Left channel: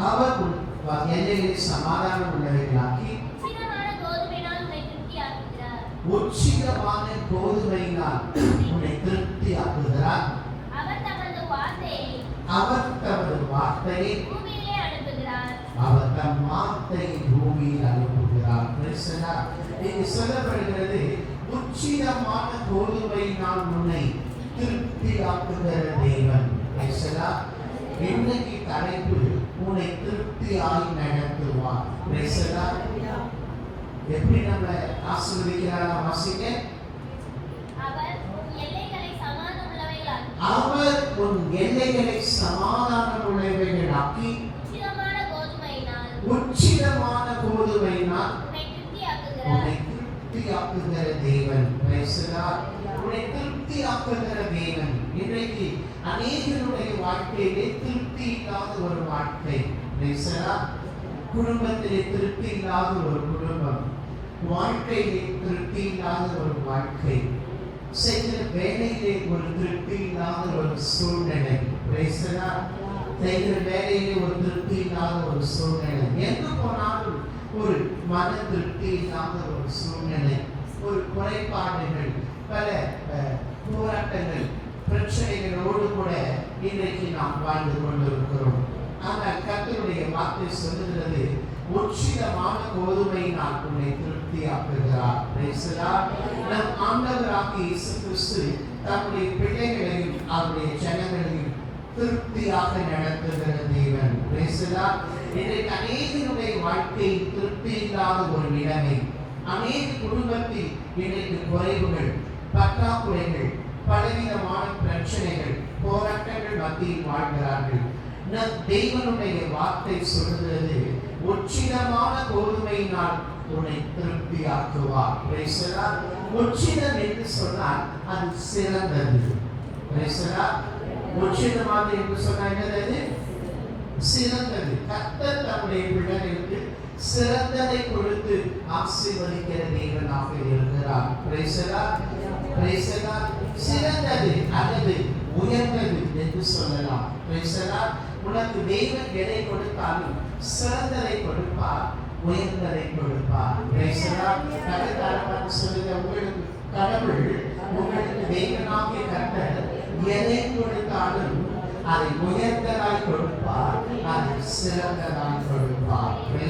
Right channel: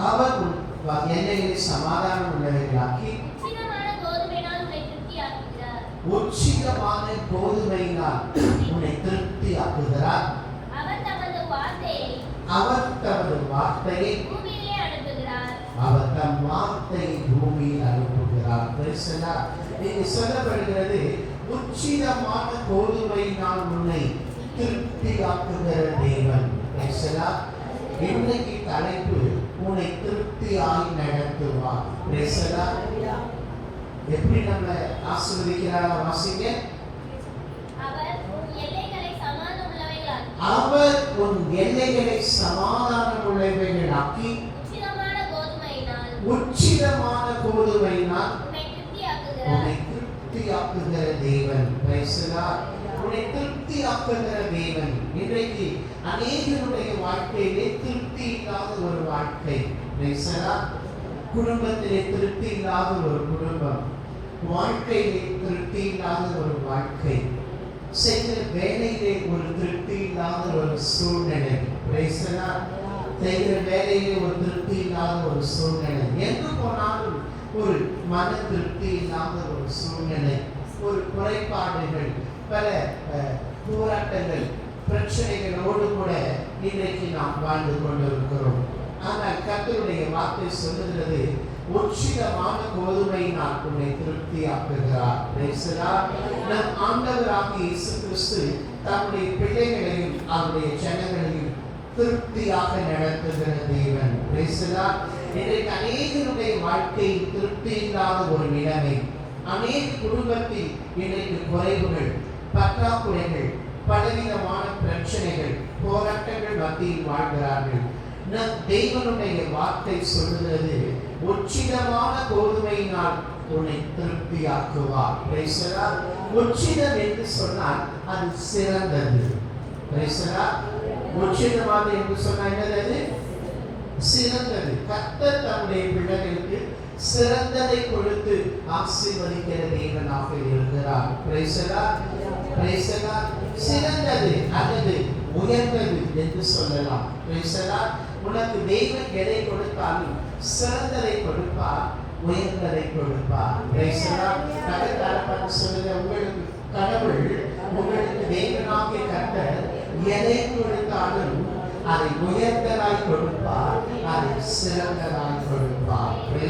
அவர் உன் எல்லைகளை சமாதானம் உள்ளவைகளாக்கி உச்சிதமான கோதுமையினால் உன்னை திருப்தி ஆக்குகிறார் அவர் தமது வார்த்தையை அவர் தம் வார்த்தையை பூமியில் அனுப்புகிறார் பேசலா நீங்க சொல்லப்படுகிறது உச்சிதமான கோதுமையினால் உன்னை திருப்தி ஆக்குகிற தேவன் பேசலா இன்னைக்கு தலைப்பு உன்னை திருப்தியாய் நடத்துவார். பேசலா எப்படி நம்ம ஆசீர்வதிக்கிறாரா வாசிக்க அவர் உன் எல்லைகளை சமாதானம் உள்ளவைகளாக்கி, உச்சிதமான கோதுமையினால் உன்னை. உன்னை திருப்தியாக்குகிற தேவன். உன்னை திருப்தியாக்குகிற தேவன். இன்றைக்கு அநேகருடைய வாழ்க்கையிலே திருப்தி இல்லாத ஒரு வாழ்க்கை. குடும்பத்திலே திருப்தி இல்லாத ஒரு குடும்பம். வாழ்க்கையிலே திருப்தி இல்லாத ஒரு வாழ்க்கை. செய்கிற வேலையிலே ஒரு திருப்தி இல்லாத ஒரு சூழ்நிலை. பேசுகிறா செய்கிற வேலையிலே ஒரு திருப்தி இல்லாத ஒரு சூழ்நிலை. எங்கு போனாலும் ஒரு மன திருப்தி இல்லாத ஒரு சூழ்நிலை. ஒரு குறைபாடுகள் பல போராட்டங்கள் பிரச்சனைகளோடு கூட இன்றைக்கு நாம் வாழ்ந்து கொண்டிருக்கிறோம். ஆனால் கத்தருடைய வார்த்தை சொல்லுகிறது உச்சிதமான கோதுமை நான் உன்னை திருப்தியாக்குகிறார். நம் ஆண்டவராக இயேசு கிறிஸ்து தம்முடைய பிள்ளைகளையும் அவருடைய ஜனங்களையும் திருப்தியாக நடத்துகிற தேவன். இன்றைக்கு அநேகருடைய வாழ்க்கையில் திருப்தி இல்லாத ஒரு நிலைமை. அநேக குடும்பத்தில் இன்றைக்கு குறைவுகள் பற்றாக்குறைகள் பலவிதமான பிரச்சனைகள் போராட்டங்கள் மத்தியில் வாழ்கிறார்கள். தெய்வனுடைய வார்த்தை சொல்கிறது உச்சிதமான கோதுமையினால் உன்னை திருப்தியாக்குவார். பேசலாம் உச்சிதம் என்று சொன்னால் அது சிறந்தது. பேசலாம் உச்சிதமாக என்று சொன்னால் என்னது? சிறந்தது. கத்த தன்னுடைய பிள்ளைகளுக்கு சிறந்ததை கொடுத்து ஆசீர்வதிக்கிற தேவனாக இருக்கிறார். பிரேசலா பிரேசலா சிறந்தது அல்லது உயர்ந்தது என்று சொல்லலாம். பிரேசலா உனக்கு தெய்வம் எதை கொடுத்தாலும் சிறந்ததை கொடுப்பார் உயர்ந்ததை கொடுப்பார். பிரேசலா கடற்காரமாக சொல்லுகிற உங்களுக்கு கடவுள் உங்களுக்கு தெய்வமாக கர்த்தர் எதை கொடுத்தாலும் அதை உயர்ந்ததாய் கொடுப்பார் அதை சிறந்ததாய் கொடுப்பார் பேசலாம் பேசலாம் நம்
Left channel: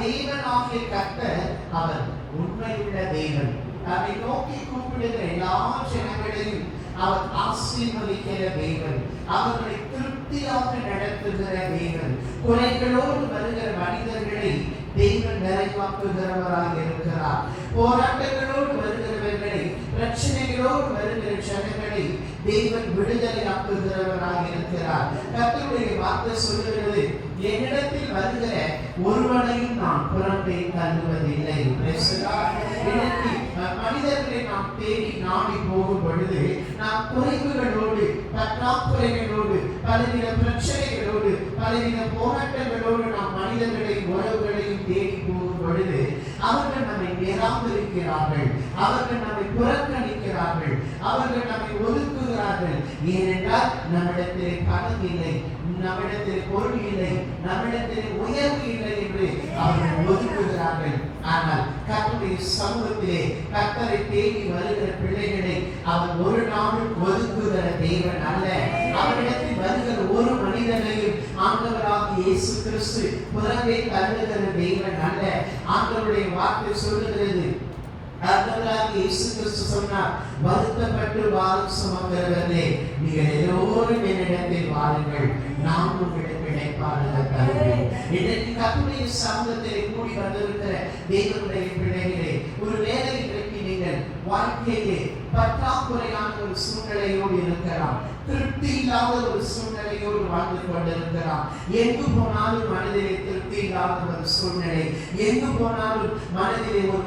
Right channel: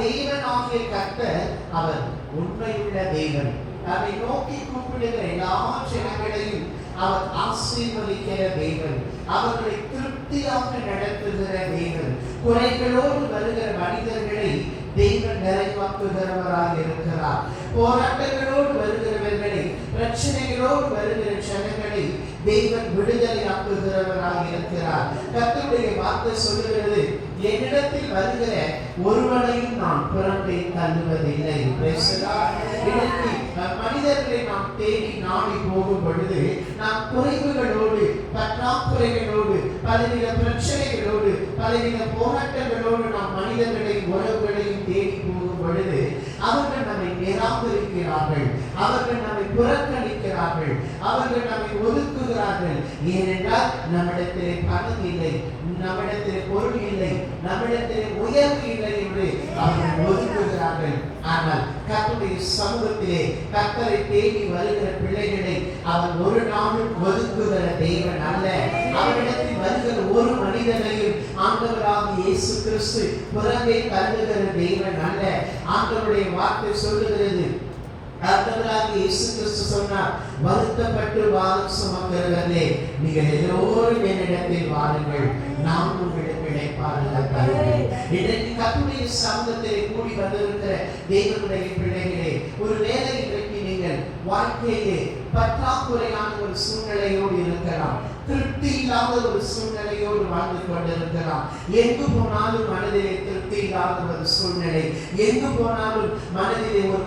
தேவனாகிய கர்த்தர் அவர் உண்மையுள்ள தேவன். நம்மை நோக்கி கூப்பிடுகிற எல்லா ஜனங்களையும் அவர் ஆசீர்வதிக்கிற தேவன். அவர்களை திருப்தியாக நடத்துகிற தேவன். குறைகளோடு வருகிற மனிதர்களை தெய்வம் நிறைவாக்குகிறவராக இருக்கிறார். போராட்டங்களோடு வருகிறவர்களை பிரச்சனைகளோடு வருகிற ஜனங்களை தெய்வன் விடுதலையாக்குகிறவராக இருக்கிறார். கர்த்தருடைய வார்த்தை சொல்லுகிறது என்னிடத்தில் வருகிற ஒருவனையும் நான் புறம்பை தள்ளுவதில்லை. பேசுகிறார் இன்னைக்கு மனிதர்களை நாம் தேடி நாடி போகும் பொழுது நாம் குறைவுகளோடு பற்றாக்குறைகளோடு பலவித பிரச்சனைகளோடு பலவித போராட்டங்களோடு நாம் மனிதர்களை உறவுகளையும் தேடி போகும் பொழுது அவர்கள் நம்மை நிராகரிக்கிறார்கள் அவர்கள் நம்மை புறக்கணிக்கிறார்கள். அவர்கள் நம்மை ஒரு ஏனென்றால் நம்மிடத்திலே பணம் இல்லை நம்மிடத்திலே பொருள் இல்லை நம்மிடத்திலே உயர்வு இல்லை என்று அவர்கள் ஒதுக்குகிறார்கள் ஆனால் கத்தருடைய சமூகத்திலே கத்தரை தேடி வருகிற பிள்ளைகளை அவன் ஒரு நாளும் ஒதுக்குகிற தெய்வன் அல்ல. அவரிடத்தில் வருகிற ஒரு மனிதனையும் ஆண்டவராக இயேசு கிறிஸ்து புறம்பே தருகிற தெய்வன் அல்ல. ஆண்டவருடைய வார்த்தை சொல்லுகிறது கர்த்தராக இயேசு கிறிஸ்து சொன்னார் வருத்தப்பட்டு வாரம் நீங்கள் எல்லோரும் என்னிடத்தில் வாருங்கள் நான் உங்களுக்கு இடைப்பாறுதல் இன்றைக்கு கத்துடைய கூடி வந்திருக்கிற தேவனுடைய பிள்ளைகளே ஒரு வேலை இன்றைக்கு நீங்கள் வாழ்க்கையிலே பற்றாக்குறையான ஒரு சூழ்நிலையோடு இருக்கலாம் திருப்தி இல்லாத ஒரு சூழ்நிலையோடு வாழ்ந்து கொண்டிருக்கலாம் எங்கு போனாலும் மனதிலே திருப்தி இல்லாத ஒரு சூழ்நிலை எங்கு போனாலும் மனதிலே ஒரு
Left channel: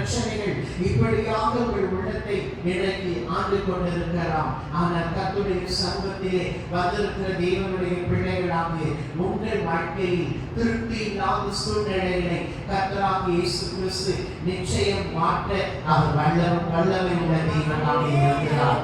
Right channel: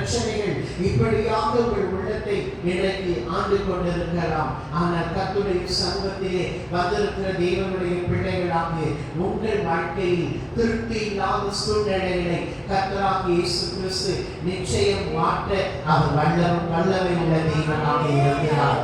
பிரச்சனைகள் இப்படியாக உங்கள் உள்ளத்தை இன்றைக்கு ஆண்டு கொண்டிருக்கலாம். ஆனால் கத்துடைய சமூகத்திலே வந்திருக்கிற தேவனுடைய பிள்ளைகளாக உங்கள் வாழ்க்கையில் திருப்தி இல்லாத சூழ்நிலைகளை கத்தராக இயேசு கிறிஸ்து நிச்சயம் மாற்ற அவர் வல்ல வல்லமை உள்ள தெய்வமாக இருக்கிறார்